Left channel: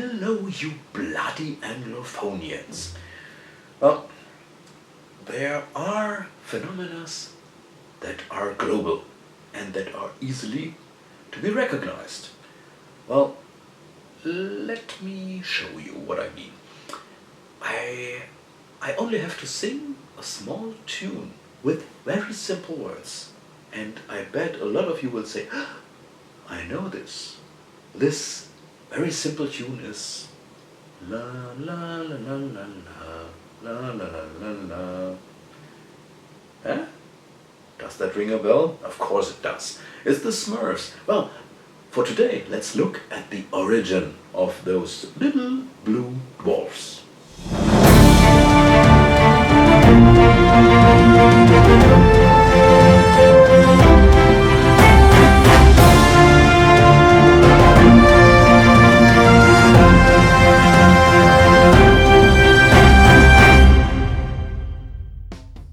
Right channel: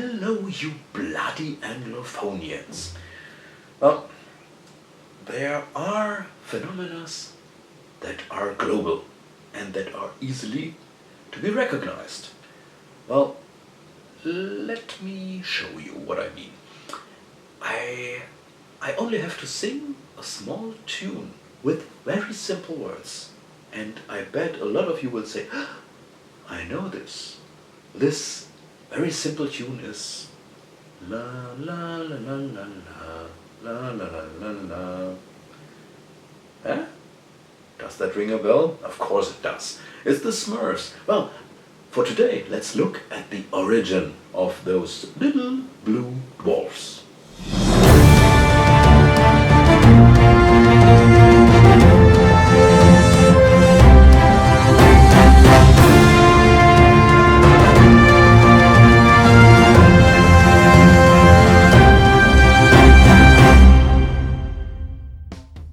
Hello, you bloody Anglophonians. Well, there are phenomena that are global and that are easily to be recognized. Well, let me show you what I mean. I only have to sing a small tune with very simple words, and I bet a lot of you will say, I know this. This very simple tune is la la la la la la la la la la la. Eh? Does that ring a bell? Of course it does. It's the Smurfs. Well, for today, let's look at the origin of those little blue dwarfs.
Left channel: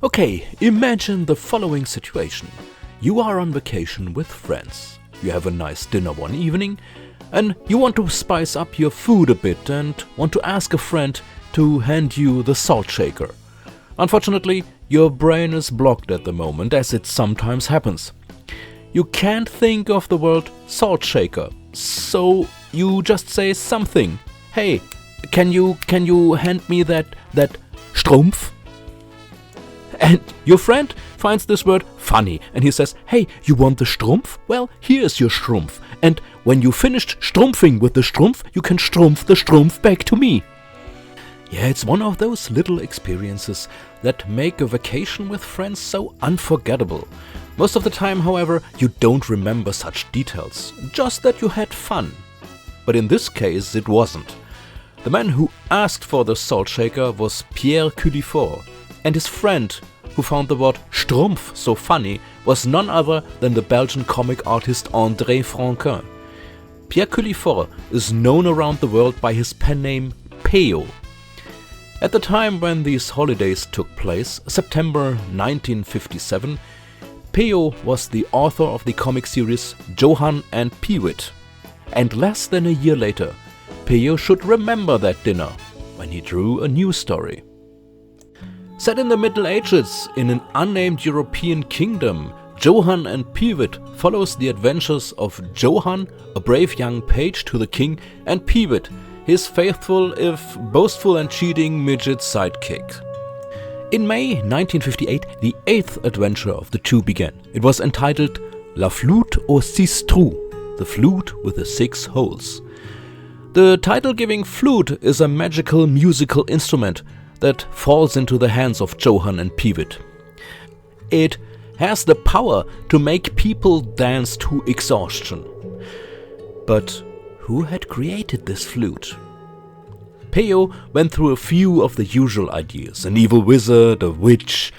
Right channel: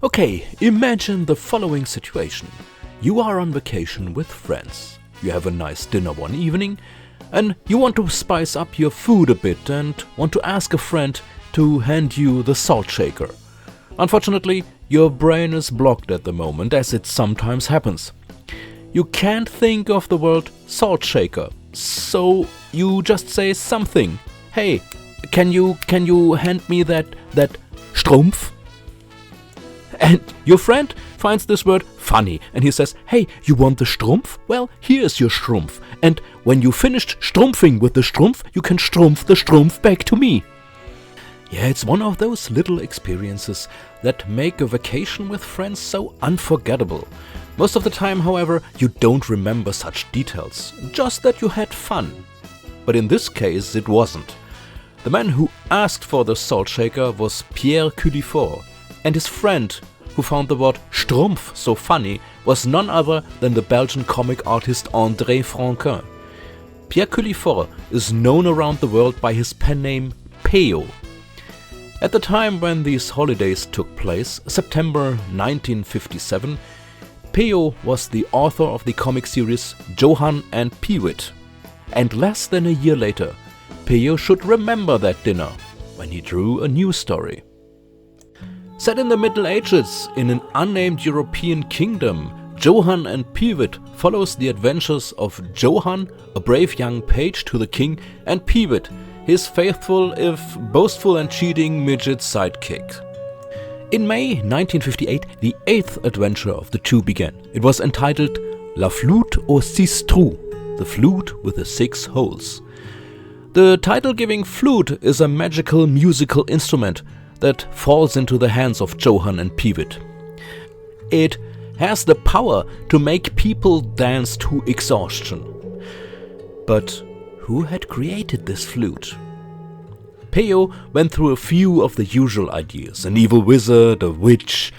Okay, imagine the following situation. You are on vacation with friends. You have a nice dinner one evening and you want to spice up your food a bit and want to ask a friend to hand you the salt shaker. Unfortunately, your brain is blocked at the moment, as it sometimes happens. You can't think of the word salt shaker, so you just say something. Hey, can you hand me that Schtroumpf? And your friend finds this word funny and he says, hey, you want the Schtroumpf? Well, here's your Schtroumpf. And when you finished Schtroumpfing with the Schtroumpf, you can Schtroumpf the Schtroumpf back to me. Yeah, it's one of those little experiences that make a vacation with friends so unforgettable. Most of the time, however, you don't remember such details, just that you had fun. But in this case, it wasn't. The man who asked for the salt shaker was Pierre Culliford. And his friend, who found the word Schtroumpf so funny, was none other than the Belgian comic artist André Franquin. Pierre Culliford is known around the world by his pen name Peyo. At the time when these holidays took place, September 1957, Peyo was the author of the comic series Johann and Peewit. And less than a year later, Peyo should remember that dinner when he drew a new story. Set in the Middle Ages, in an unnamed European kingdom, Johann and Peewit follows the adventures of Johann, a brave young page to the king, and Peewit, his faithful, if boastful and cheating midget sidekick. In May 1958, the 8th adventure of the two began. It was entitled La Flûte aux 6 trous, the flute with the 6 holes. The title-giving flute is a magical musical instrument that falls into the hands of Johann and Peewit. It has the power to make people dance to exhaustion. But who had created this flute? Peyo went through a few of the usual ideas, an evil wizard, a witch,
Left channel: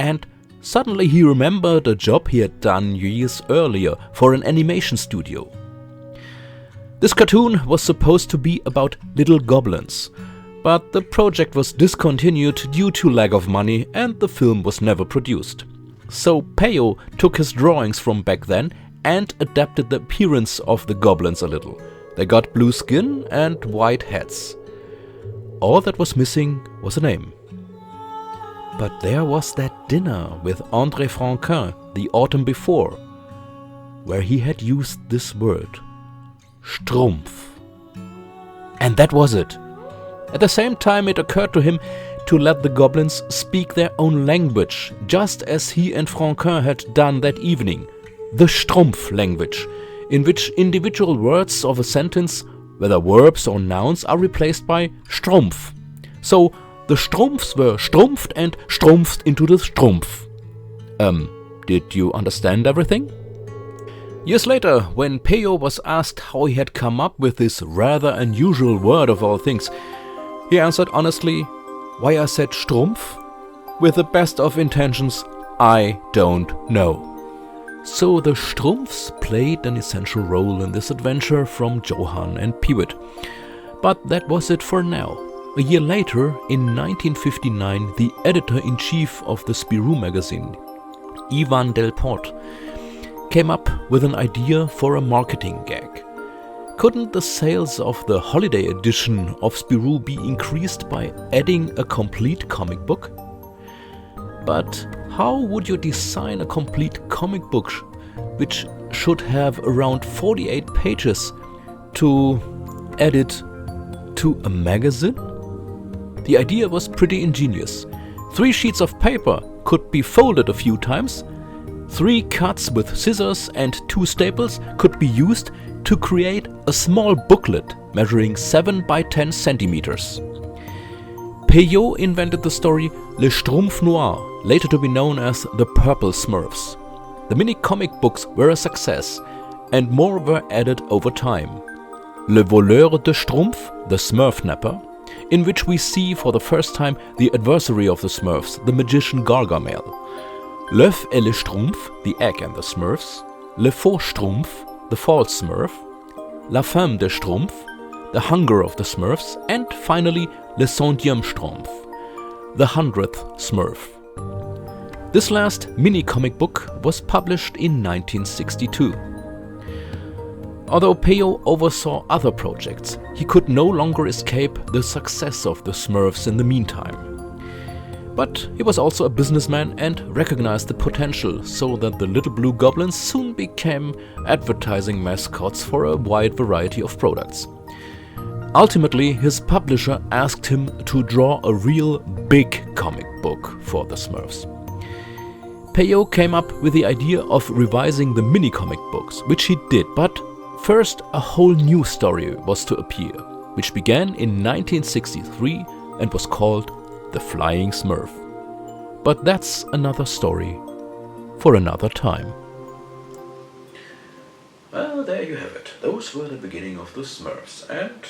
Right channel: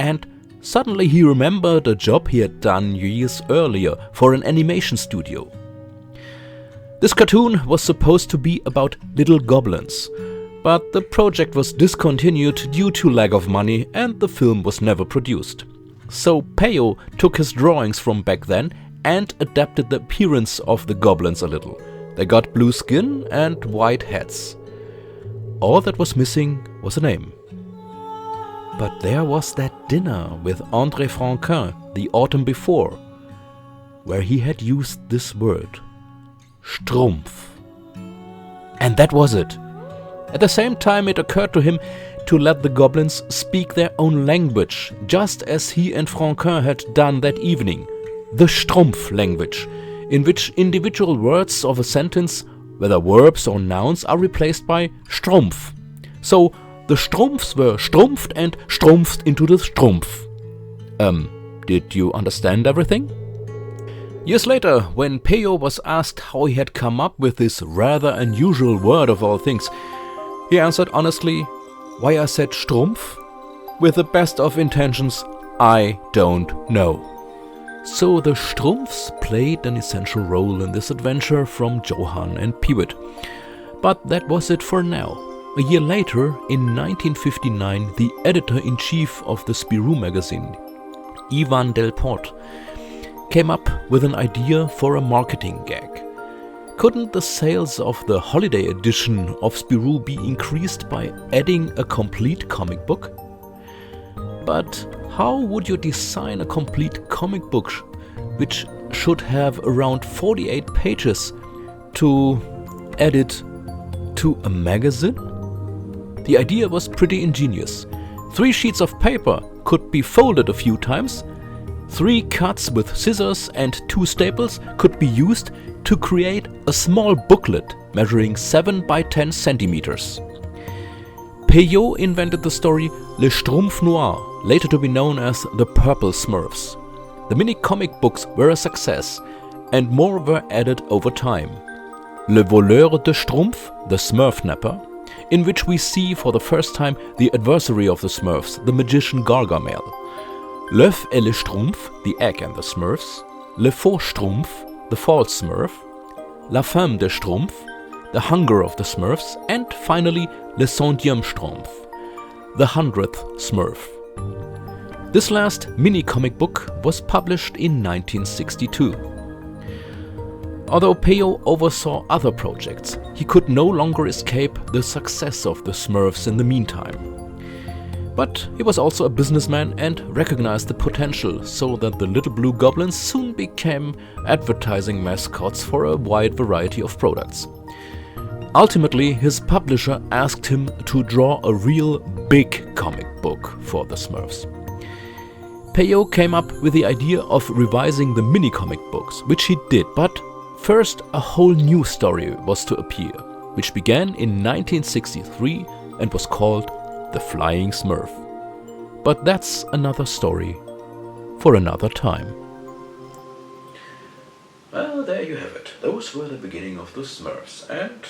and suddenly he remembered a job he had done years earlier for an animation studio. This cartoon was supposed to be about little goblins, but the project was discontinued due to lack of money and the film was never produced. So Peyo took his drawings from back then and adapted the appearance of the goblins a little. They got blue skin and white hats. All that was missing was a name. But there was that dinner with André Franquin the autumn before, where he had used this word, Schtroumpf. And that was it. At the same time, it occurred to him to let the goblins speak their own language, just as he and Franquin had done that evening, the Schtroumpf language, in which individual words of a sentence, whether verbs or nouns, are replaced by Schtroumpf. So the Schtroumpfs were Schtroumpfed and Schtroumpfed into the Schtroumpf. Did you understand everything? Years later, when Peyo was asked how he had come up with this rather unusual word of all things, he answered honestly, why I said Schtroumpf? With the best of intentions, I don't know. So the Schtroumpfs played an essential role in this adventure from Johann and Peewit. But that was it for now. A year later, in 1959, the editor-in-chief of the Spirou magazine, Ivan Delport, came up with an idea for a marketing gag. Couldn't the sales of the holiday edition of Spirou be increased by adding a complete comic book? But how would you design a complete comic book which should have around 48 pages to add it to a magazine? The idea was pretty ingenious. 3 sheets of paper could be folded a few times, 3 cuts with scissors and 2 staples could be used to create a small booklet measuring 7 by 10 centimeters. Peyo invented the story Le Schtroumpf Noir, later to be known as the Purple Smurfs. The mini comic books were a success, and more were added over time. Le Voleur de Schtroumpf, the Smurf Napper, in which we see for the first time the adversary of the Smurfs, the magician Gargamel. L'œuf et le Schtroumpf, the egg and the Smurfs. Le Faux Schtroumpf, the false Smurf. La Femme de Schtroumpf, the hunger of the Smurfs. And finally, Le Centième Schtroumpf, the 100th Smurf. This last mini-comic book was published in 1962. Although Peyo oversaw other projects, he could no longer escape the success of the Smurfs in the meantime. But he was also a businessman and recognized the potential, so that the little blue goblins soon became advertising mascots for a wide variety of products. Ultimately, his publisher asked him to draw a real big comic book for the Smurfs. Peyo came up with the idea of revising the mini-comic books, which he did, but first a whole new story was to appear, which began in 1963 and was called The Flying Smurf. But that's another story for another time. Well, there you have it. Those were the beginning of the Smurfs. And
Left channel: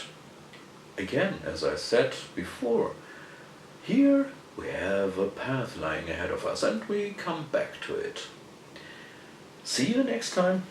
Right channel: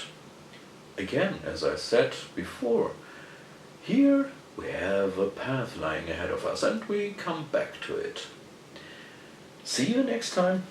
again, as I said before, here we have a path lying ahead of us and we come back to it. See you next time.